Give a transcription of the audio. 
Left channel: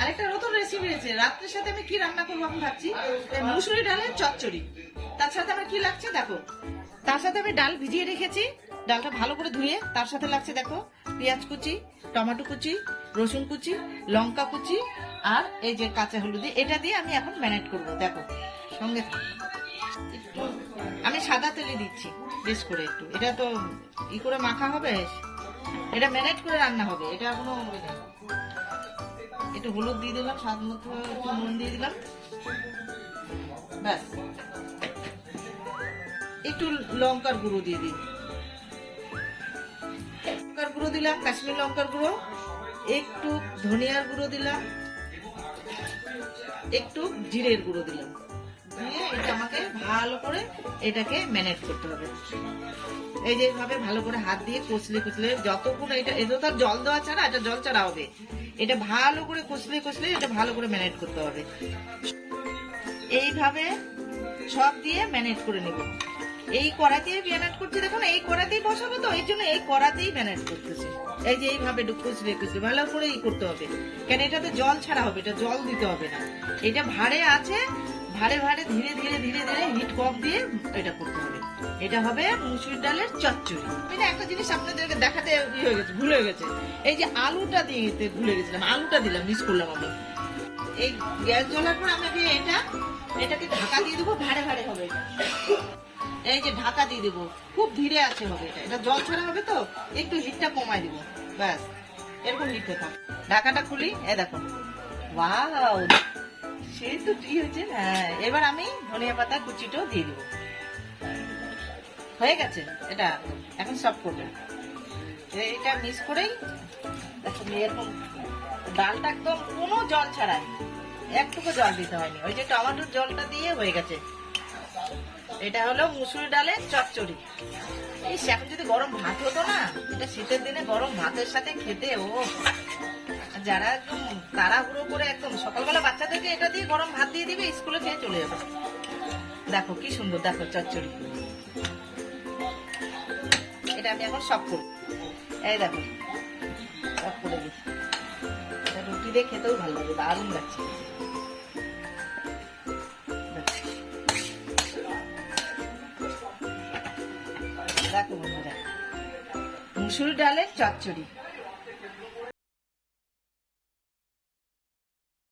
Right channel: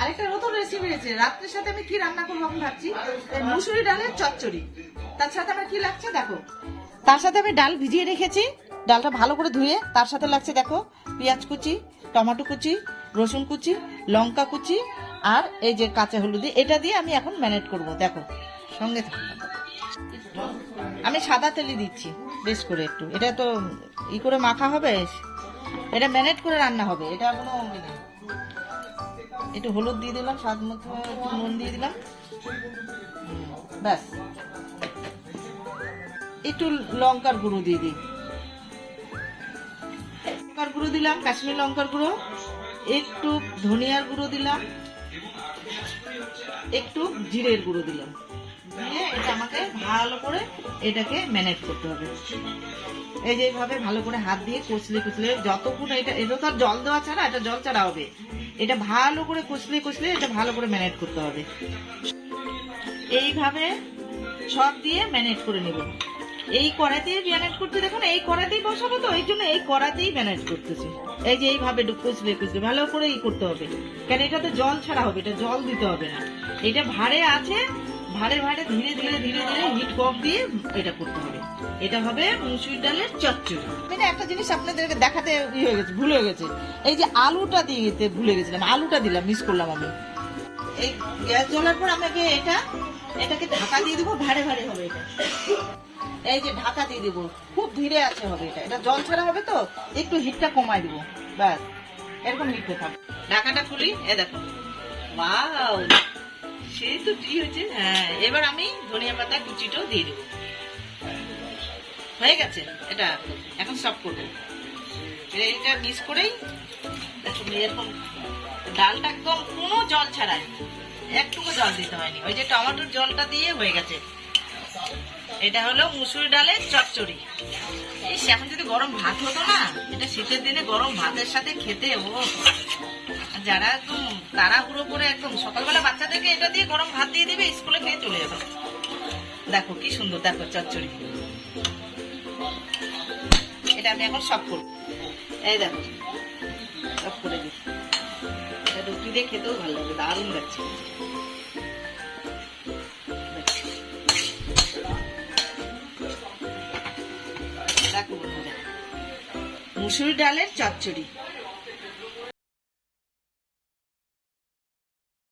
আরেকটা নতুন রেসিপি রয়েছে। রাত্রের সাথে আমি কি রান্না করব এখন ভাবছি? মুসুরি ডালের চচ্চড়ি। তার সাথে আমার কি লাগছে দেখো। তার সাথে আমি ডাল ভিজিয়ে রেখেছি। ডালটা ভালো করে ধুয়ে তার সাথে লাগছে দেখো পেঁয়াজ কুচি, টমেটো কুচি, রসুন কুচি, লঙ্কা কুচি আর এই যে কাঁচা হলুদি এটা দিয়ে আমি এখন ম্যানেট করব, দেখো। সঙ্গে আমি সাদা তেলে দিচ্ছি, বেশ করে একটু। এটা তো ই করে মাখা হবে? এটা ম্যানেট করে রান্না হবে। এটা কোনো ইয়ে। একটু হলুদ দিয়ে দিলাম, স্বাদ মতো একটু নুন দিয়ে দিলাম। ব্যাস। একটু লঙ্কার গুঁড়ো দিয়ে দিই। লঙ্কার গুঁড়ো দিলাম, কাশ্মীর লঙ্কার গুঁড়ো। একটু ধনিয়ার গুঁড়ো দিলাম। একটু জিরের গুঁড়ো দিলাম। দিয়ে এটা আমাকে ভালো করে এটাকে ম্যানেজ করতে হবে। এই যে এইভাবে ভালো করে হাত দিয়ে কষলে কষলে যতক্ষণ এটা এটা তো জল দেওয়া ছাড়া এটা জল ছাড়া হবে। এটা ভালো করে কষলে কষলে এটা ভালো করে ম্যানেজ করতে হবে। এইভাবে সব দিয়ে ম্যানেজ করে নেব। এই কড়াতেই ম্যানেজ করছি, দেখুন, এই কড়াতেই বসাবো তো, এই জন্য এই কড়াতেই ম্যানেজ করতেছি। এই যে এইভাবে কষলে কষলে, ভালো করে ই করতে হবে। কেন এটাতে জল ছাড়া হবে, এটা জল দিতে হবে না। এটা ভাড়ে আছে, ভাড়ে ভাড়ে ধীরে ধীরে ধীরে ধীরে হিট কম দিয়ে এটা করতে হবে। এটা হবে মুসুর ডালের চচ্চড়ি। এটা একটা জিনিস আপনাদেরকে দেখাতে ই হয়ে গেছে ভুল হয়ে গেছে। এই যে আলুটা দিয়ে দিতে ভুলে গেছিলাম আলুটা দিলাম মিস করলাম আমি। এই গ্যাস জ্বলার পর আমাকে এটা এটাকে ঢাকা দিয়ে দেবো ভাড়ে ভাড়ে হবে এটা। এই যে ঢাকা দিয়ে দেবো খুব ধীরে আছে হবে এটা। এটা জল ছাড়া হবে তো একটু হিটটা কমাই দেবো ব্যাস। এরকম হিটে থাক। ঢাকাটা খুলি এ দেখো। ওয়াও সেই তো কি হয়েছে হ্যাঁ। এবার আমি ধনিয়া পাতা কুচিটাও দিয়ে দেবো। হয়ে গেছে? এটা এখন সব করব। এটা মিস করেই দেখো এরকম ডালটা একদম কোনো জল ছাড়াই। একটুকু জল দিতে হয়নি। ওই যে টমেটোর জলটা দিয়ে হয়ে গেছে। এটা হলো মুসুরি ডালের চচ্চড়ি। এই এখন যদি গরম ভাত হতো না, এটা শীতের দিনে গরম ভাতের সাথে খেতে, ও। যারা একদম তাড়াহুড়ো করে একদম সকালবেলা বাচ্চাদেরকে এটা দিয়ে গরম ভাত দিয়ে দিবে, স্কুলে নিয়ে চলে যাবে। দেখো কি সুন্দর, দেখো চচ্চড়ি। আমি এখন সব করব। এই দেখো, সব করে দিচ্ছি রুটি দিয়ে খেতেও ভালো লাগবে দারুণ লাগছে। দেখো মুসুরি ডালের চচ্চড়ি।